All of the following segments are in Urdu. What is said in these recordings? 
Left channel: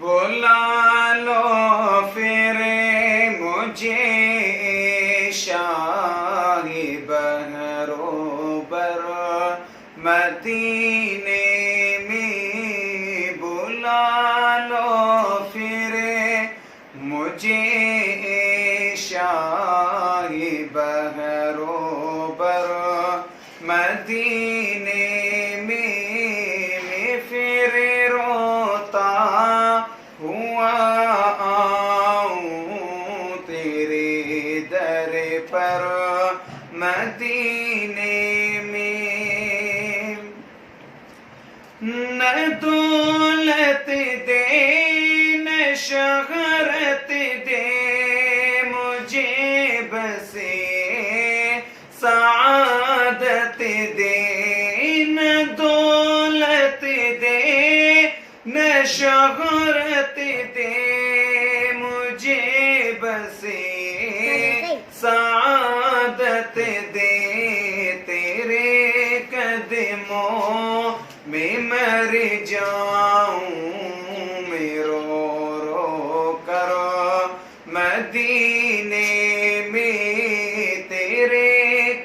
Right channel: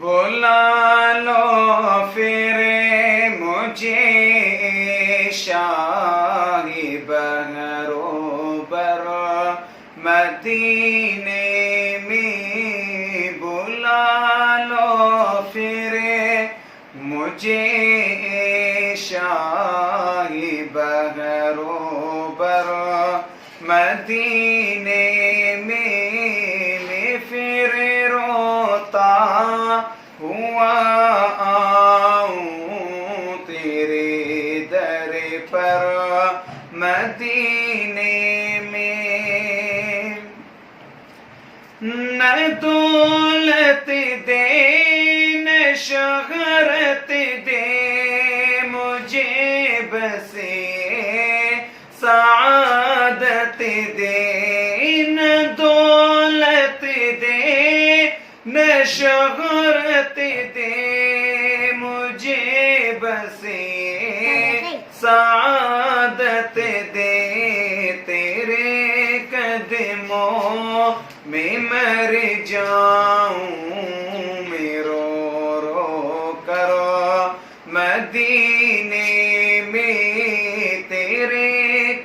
بلا لو پھر مجھے شاہ بہرو بر مدینے میں، بلا لو پھر مجھے شاہ بہرو بر مدینے میں پھر روتا ہوا آؤں تیرے در پر مدینے میں، نہ دولت دے نہ شہرت دے مجھے بس سعادت دے، نہ دولت دے نہ شہرت دے مجھے بس سعادت دے، تیرے قدموں میں مر جاؤں میں رو رو کر مدینے میں، تیرے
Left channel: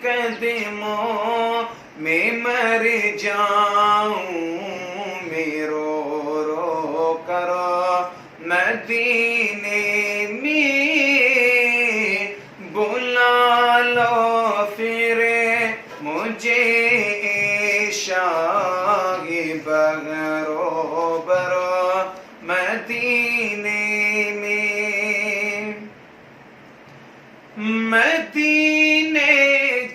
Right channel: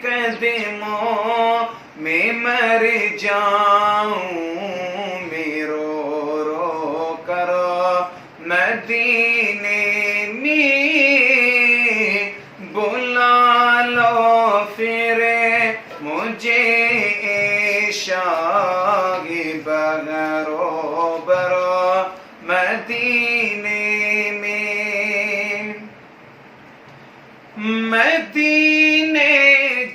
قدموں میں مر جاؤں میں رو رو کر مدینے میں، بلا لو پھر مجھے شاہ بہرو بر مدینے میں، مدینے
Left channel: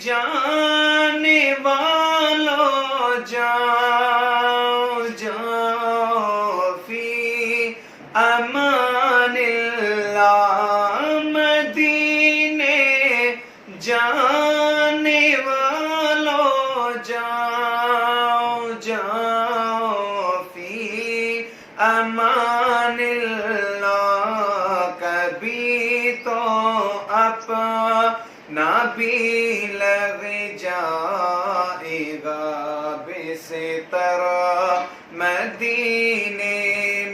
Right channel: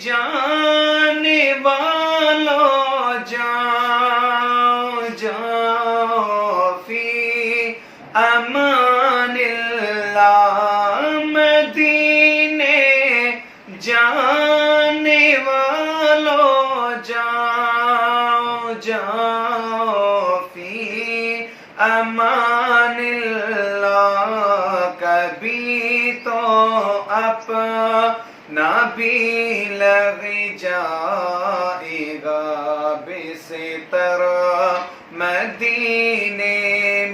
جانے والوں جاؤ جاؤ فی امان اللہ، مدینے جانے والوں جاؤ جاؤ فی امان اللہ، کبھی تو اپنا بھی لگ جائے گا بستر مدینے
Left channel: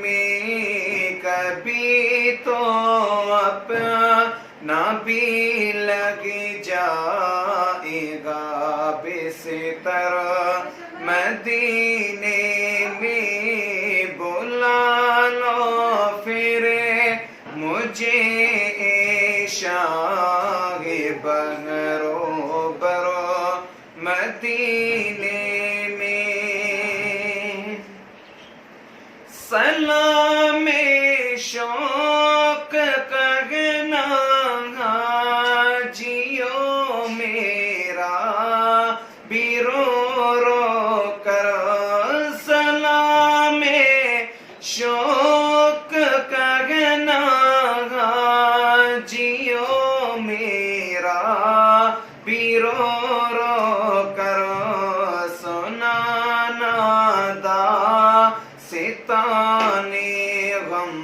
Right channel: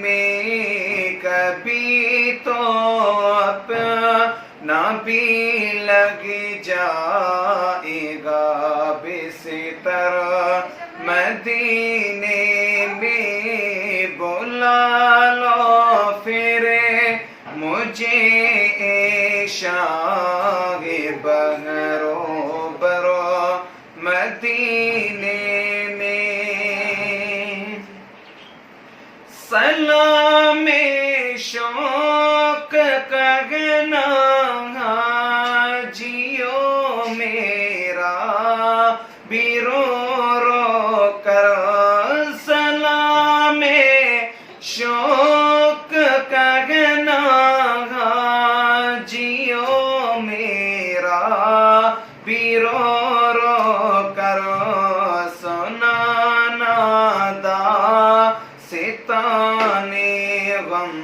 میں، کبھی تو اپنا بھی لگ جائے گا بستر مدینے میں، بلا لو پھر مجھے شاہ بہرو بر مدینے میں، سلام شوق کہنا جیو میرا بھی رو رو کر، سلام شوق کہنا جیو میرا بھی رو رو کر، سنانا داستانے غم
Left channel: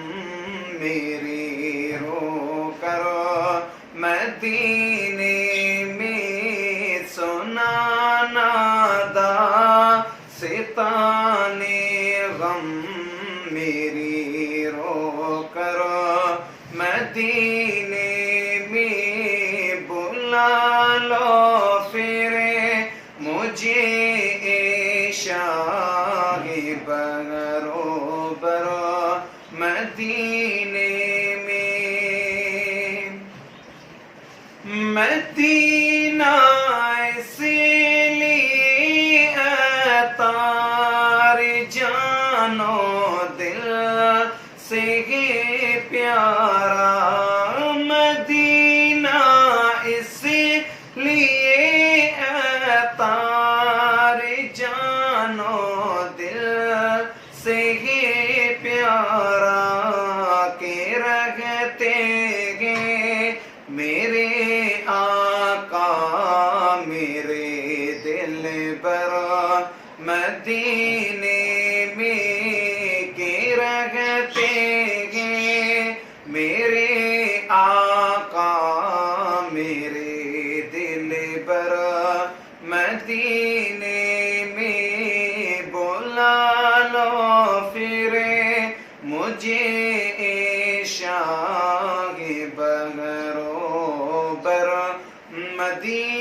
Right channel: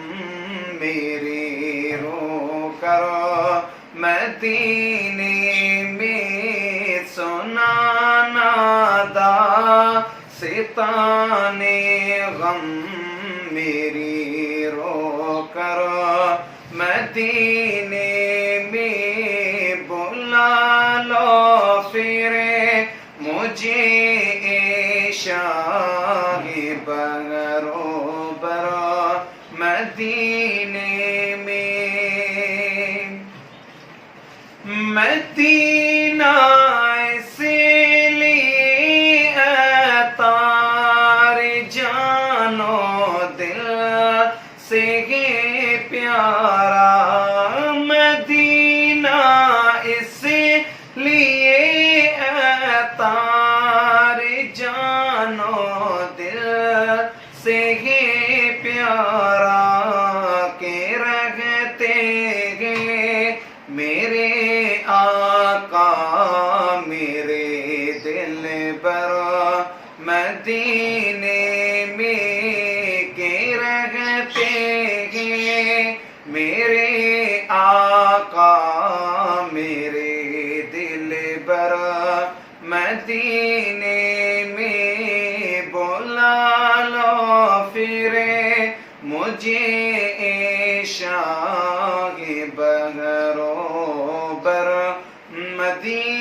میرے رو کر مدینے میں، سنانا داستانے غم میری رو کر مدینے میں، بلا لو پھر مجھے شاہ بہرو بر مدینے میں، مدینہ اس لیے عطار جانو دل سے ہے پیارا، مدینہ اس لیے عطار جانو دل سے ہے پیارا، کہ رہتے ہیں میرے آقا میرے دل بر مدینے میں، کہ رہتے ہیں میرے آقا میرے دل بر مدینے میں، بلا لو پھر مجھے شاہ بہرو بر مدینہ